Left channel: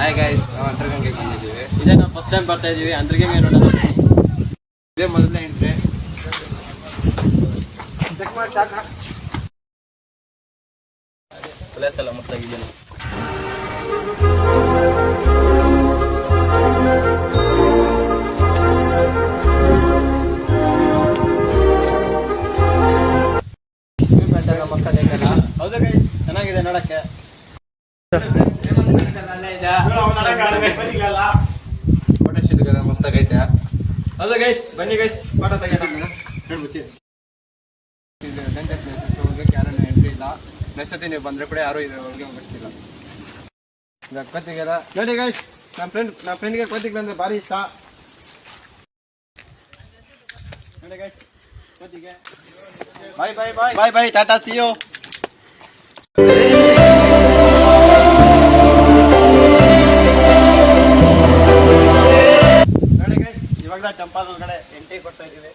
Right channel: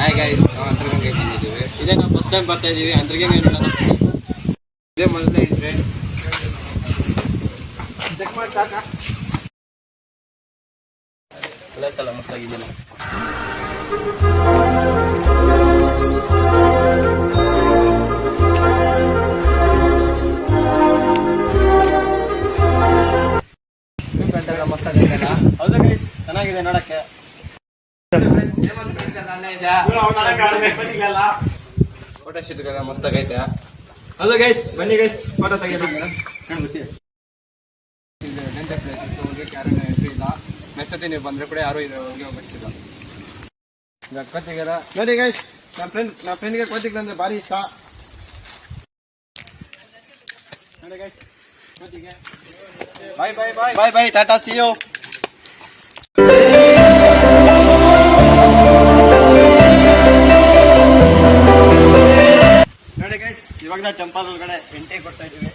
Hi guys, ನಾವು ಅಂತರ್ಗಂಗೆ ಬಂದಿದ್ದೀವಿ. ಇದೇ ನಾವು ಫಸ್ಟ್ ಟೈಮ್ ಬರ್ತಾ ಇದೀವಿ ಅಂತರ್ಗಂಗೆ ನೋಡೋಣ. ಇದೇ ಮೊದಲನೇ ಎಂಟ್ರಿ. ಚೆಕ್ ಮಾಡಿ ಸಾಕ. ಪ್ಲೇಸ್ ಎಲ್ಲ ಮಸ್ತಾಗಿದೆ. ಎಲ್ಲ ಮಸ್ತಾಗೈತಲ್ಲ? ಹೌದಾ ಗೈಸ್, ಚೆನ್ನಾಗಿದೆ ನೋಡಕ್ಕೆ. ಫೋಟೋ ಶೂಟ್ಗೆಲ್ಲ ಮಸ್ತಾಗೈತೆ. ಹೌದಾ ಗೈಸ್, ಬನ್ನಿ ಗೈಸ್ ಫೋಟೋ ತೆಗೆಯೋಣ. ಡೇಂಜರ್ ಪ್ಲೇಸ್ ಇತ್ತು, ಹೋಗಕ್ಕೆ ಯಾರೂ ಎಂಟ್ರಿ ಇಲ್ಲ. ನೆಕ್ಸ್ಟ್ ಸತಿ ನೀವು ಬಂದ್ರೆ ಕೂಡ ಯಾರು ಇದೆ ಒಳಗೆ ಹೋಗ್ತಿಲ್ಲ. ಕೋತಿಗೆಲ್ಲ ನೋಡಿ ಗೈಸ್, ನಮ್ಮ ಫ್ರೆಂಡ್ಗೆ ಕೋತಿಗಳು ಅಂದ್ರೆ ಭಾರಿ ಇಷ್ಟ. ನೋಡಿ ಗೈಸ್, ಕೋತಿಗೆ bye bye bye bye bye, tata, see you. ನೋಡಿ ಗೈಸ್, ಇವಾಗ ಟೆಂಪಲ್ ಒಳಗಡೆ ಎಂಟ್ರಿ ಕೊಡ್ತಾ ಇದೀವಿ.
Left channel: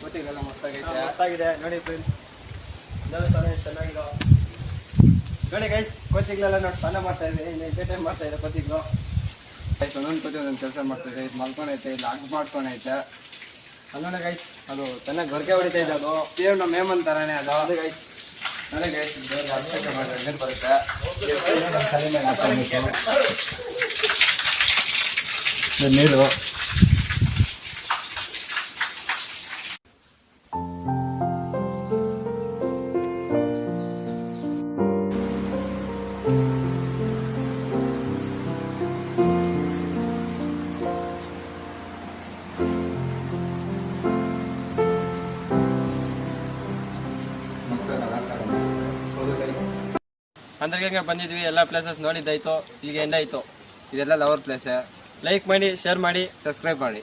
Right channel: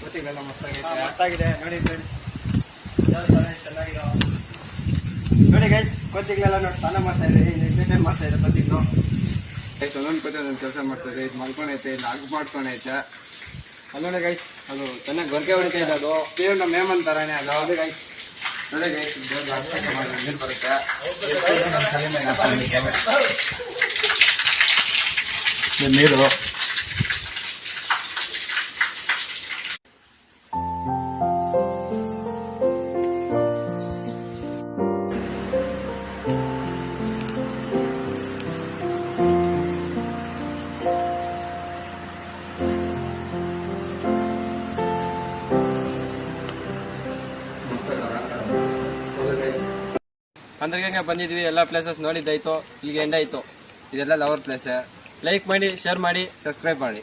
ಕೋತಿಗೆಲ್ಲ ಮಸ್ತಾಗೈತೆ. ಮಸ್ತಾಗಿದೆ ನೋಡಿ ಫ್ರೆಂಡ್, ಚೆನ್ನಾಗಿದೆ. ನೋಡಿ ಗೈಸ್, ಕೋತಿಗಳೆಲ್ಲ ನೋಡಿ ಸ್ನಾನ ಮಾಡ್ತಾ ಇದೆ, ಎಂಟರ್ಟೈನ್ ಮಾಡ್ತಾ ಇದೆ ಕೋತಿಗಳು. ಒಂದೊಂದು ಕೋತಿ ಒಂದೊಂದು ಕೆಲಸ ಮಾಡ್ತದೆ. ಇದು ಮಲ್ಕೊಂಡೈತೆ, ಇಲ್ಲಿ ಆಗ್ ಮಾಡ್ಕೊಂಡೈತೆ. ಅಲ್ಲೋಣ ಗೈಸ್, ಅದು ಚೆನ್ನಾಗಿ ಗೊರಕೆ ಹೊಡಿತಾ ಇದೆ. ಅದು ಸೇವ್ ನಮ್ಮ ಮೇಮನ್ ತರಾನೇ ಅದು. ಅದು ಗೈಸ್, ನೋಡಿ ಗೈಸ್, ನೀರು ಬರುತ್ತೆ. ನೀರು ಅಂತರ್ಗಂಗೆ ಬಂದಿದ್ವಿ. ಎಲ್ಲ ಪ್ಲೇಸಸ್ ನೋಡಿದ್ದಾಯ್ತು, ಇಲ್ಲಿಗೆ ಎಂಡ್ ಆಯ್ತು. ಇದೆಲ್ಲ ಲವರ್ ಪ್ಲೇಸ್. ಲೈಕ್ ಮಾಡಿ, ಶೇರ್ ಮಾಡಿ, ಸಬ್ಸ್ಕ್ರೈಬ್ ಮಾಡಿ.